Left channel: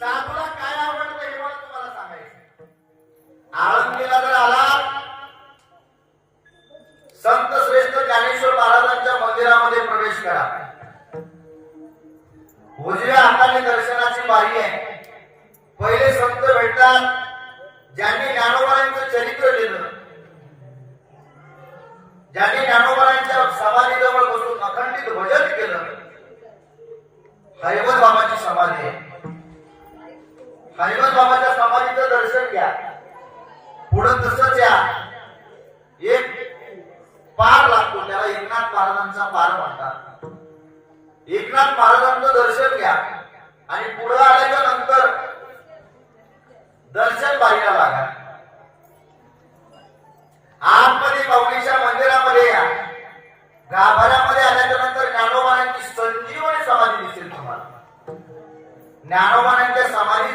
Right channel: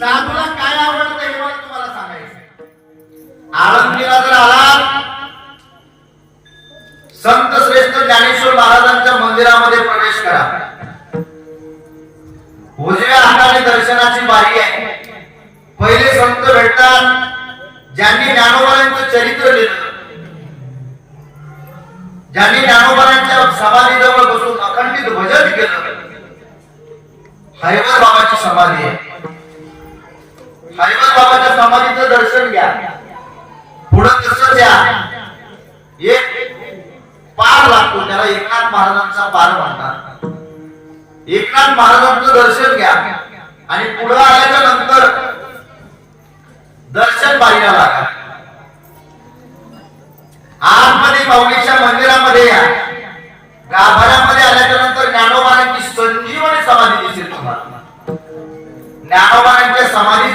साधूला काय आवडतं हे मला तुम्हाला सांगायचं आळंदीला जर आला संत श्रेष्ठ ज्ञानेश्वर महाराजांच्या मंदिरामध्ये प्रवेश करा. उजव्या हाताने दर्शनाची बारी आहे. पहिले संत भेटतात ज्यांनी ज्ञानोबांचं चरित्र लिहिलं. ज्यांनी ज्ञानोबांच्या समाधीजवळ बसून अखंडित भजन केलं. हैबर बाबाची समाधी आहे. हैबर बाबाच्या समाधीचं दर्शन घ्या. पुढं कसं या एक पार लागतो त्याला एकनाथ महाराजांचा पार म्हणतात. एकनाथ महाराजांचं दर्शन घ्या. आणि पुढं आल्याच्यानंतर दर्शन बारीला लागा. आतमध्ये माऊलीच्या मंदिरामध्ये या. गाभाऱ्यामध्ये आल्याच्यानंतर ज्ञानोबारांची संजीवनी समाधी दिसेल तुम्हाला. ज्ञानोबा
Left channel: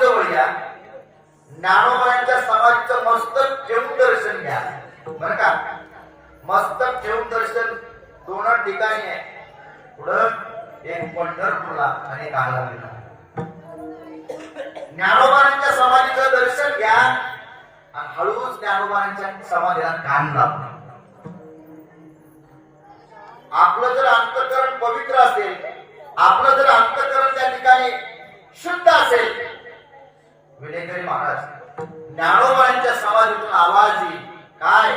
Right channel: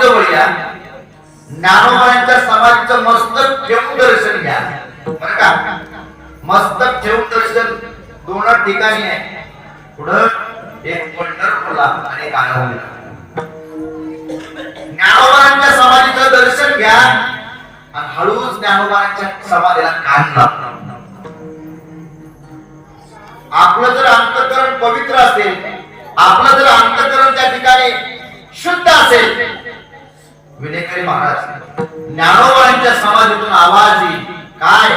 समाधीजवळ या ज्ञानोबारांच्या समाधीचं मस्तक ठेवून दर्शन घ्या. बरं का? मस्तक ठेवून दर्शन दोन ठिकाणी आहे. पुढं एक पंढरपूरला आणि एक आळंदीला. समाधीचं दर्शन घ्या आणि हळूच ज्ञानोबांच्या समाधीला कान लावा. आपलं जर अंतकरण पवित्र असेल आपलं जर अंतकरण त्या ठिकाणी शुद्ध असेल विनेकरी महाराज. ज्ञानोबांच्या समाधीतून आवाज येईल. काय?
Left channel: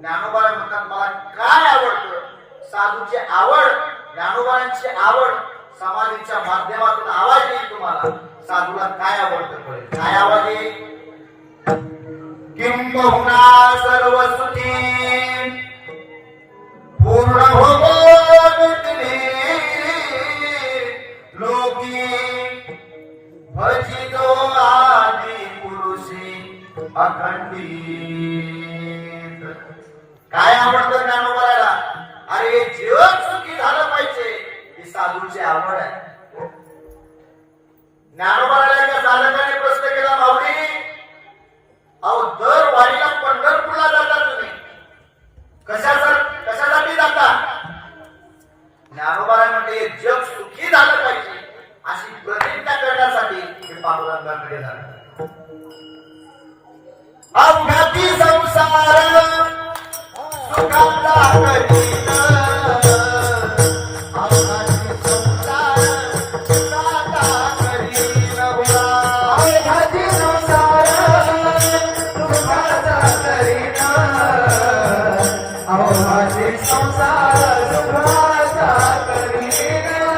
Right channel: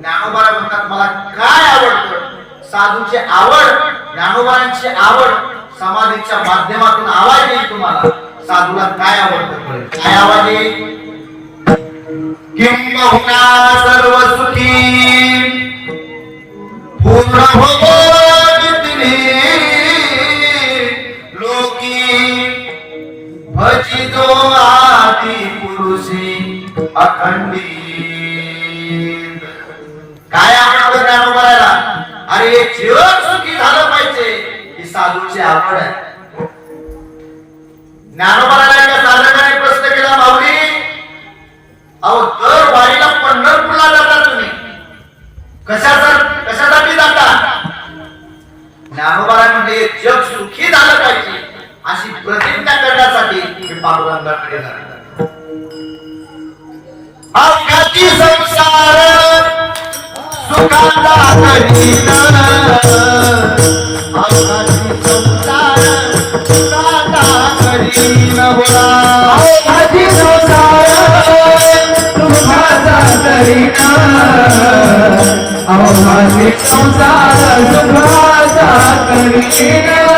ज्ञानोबा म्हणतात मला काय आवडतं? साधूची आवड ज्ञानोबांची आवड समाधीच्या माध्यमातून आवाज येईल तुम्हाला. साधूला काय आवडतं? काय आवाज येईल? किंबहुना पुरुषी अखंडित काय आवडतं ज्ञानोबाला अरे जीवन सुखी झालं पाहिजे. ही साधूची आवड आहे. ज्ञानोबाला एका साधकाने प्रश्न केला माऊली अहो दर वारीला पंढरपूरला जाता तुम्ही. कशाचा कशासाठी जाता? ज्ञानोबाला म्हणजे जग सुखी झालं पाहिजे. अशी प्रतिज्ञा करण्यासाठी मी पांडुरंगाकडे झाले अवघाती संसार? सुखाचा करीन. अवघाती संसार सुखाचा करीन.